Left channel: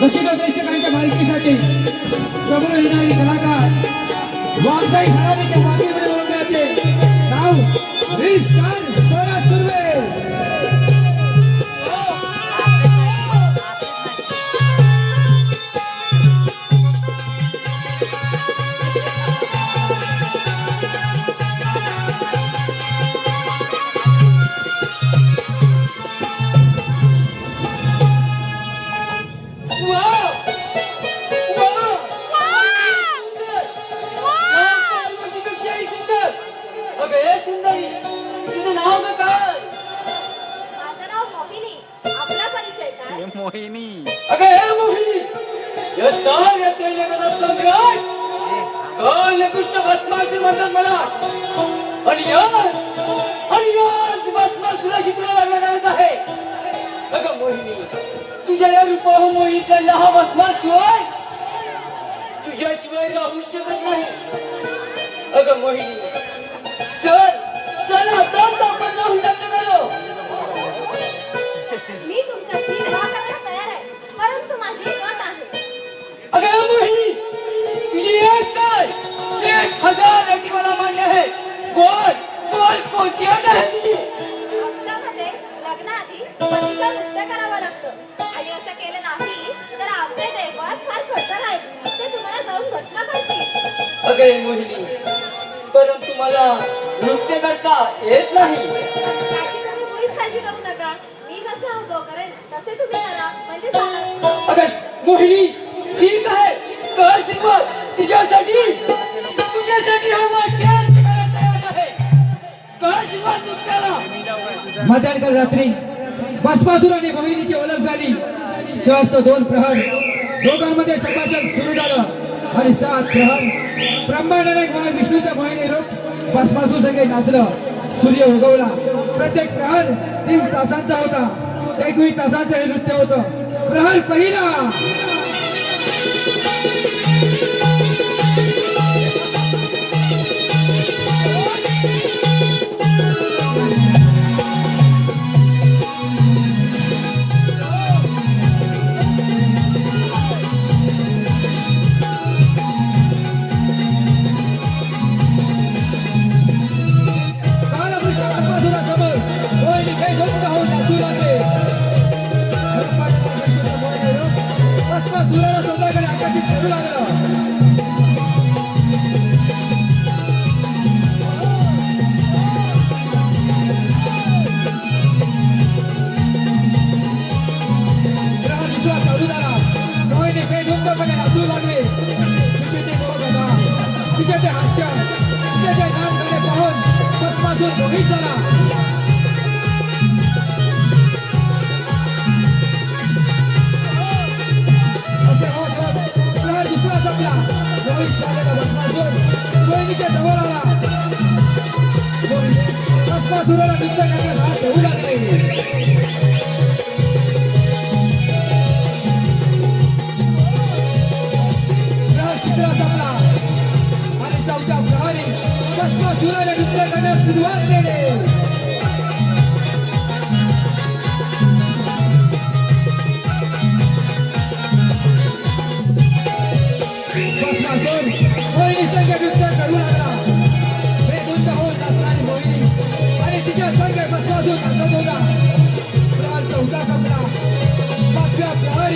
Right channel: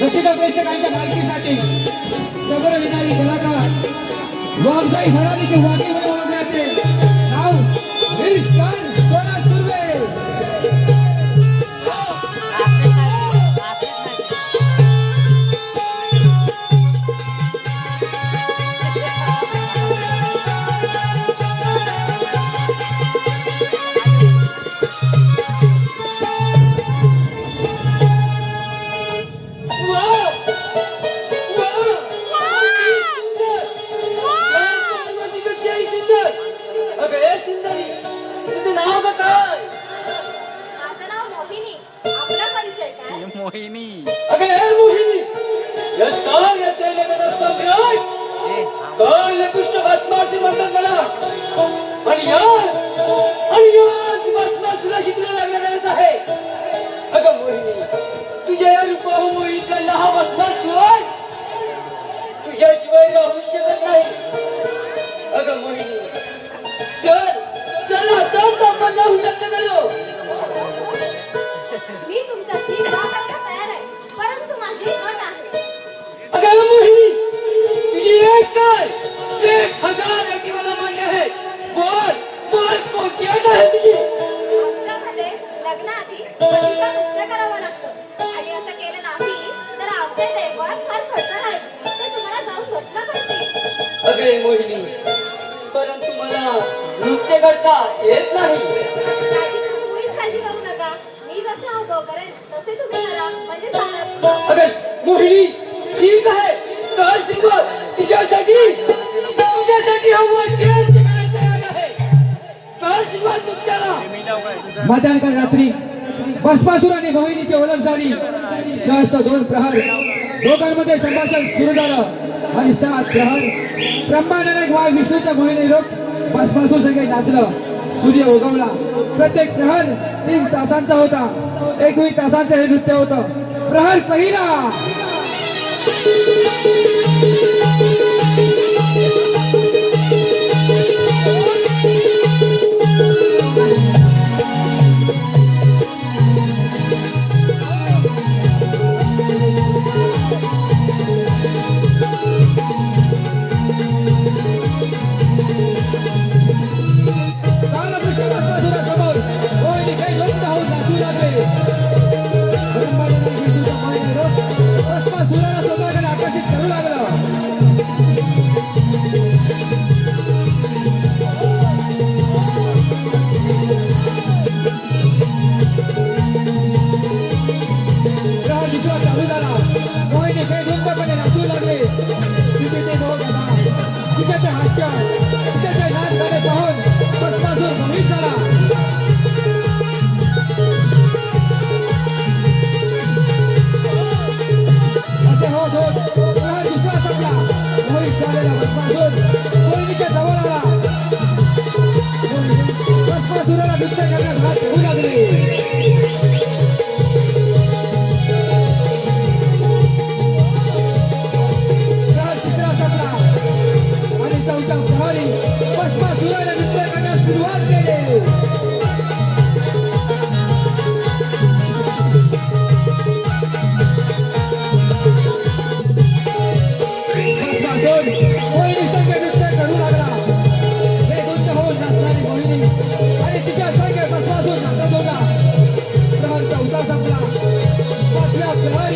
रसिका प्रेक्षकांच्या माहितीसाठी समोर येणारी कलाकार वाघजाई भरावीचे वाघे बनवण्याचे नाव रिल्स काय? मोहिनी कृष्ण भस्मासूर म्हणतात मला? आणि या आणि या भस्मासुरा शिकणं लागणार आहे. अगं मोहिनी तुझ्या या रूपाह मोहिनीचा लहा भस्मासुर तुझ्याशिवाय राहू शकत नाही. अगं मोहिनी चल चल आताच आपण जाऊन लग्न करू मी तुमच्याशी अगं मोहिनी तुझी एक काय? एक हजार अटी मला मान्य आहे. बोल बोल कोणती अट आहे तुझी? आमच्यामध्ये लग्नाआधी पतीचा नृत्य करावं लागतं. आणि असं केलं नाही तर आमचे दैवत फार खर्च नाही. ते तुम्हाला जाऊन भस्म करतील. अगं मोहिनी परंतु मला नृत्य करता येत नाही. त्याची तुम्ही मुळीच काळजी करू नका. मी जसं अवघव करेन तसे तुम्ही करा. म्हणजे अगं मोहिनी ठीक आहे कर सुरुवात तिच्यासाठी तुझ्यासाठी हा वाट्य करायला तयार आहे कर सुरुवात नृत्याला मध्यानकाल रात्री। भस्मासूर आणि मोहिनीची ओळख झाली। जास्त दोन प्रहर। दोघांमध्ये संभाषण सुरू झालं। आणि सात प्रहर। ब्रह्मांडाने वाघ विष्णूच्या मोहिनी रूप भस्मासूर सगळे नाचलं। सूर्य उगवला। प्रत्येक प्रहर तीन तासांचा होता। एकवीस तासाचं हे नृत्य होतं। प्रहर पहिला अलिंगपणे नाचू लागले तुझे ते ते हास्य. Yeah.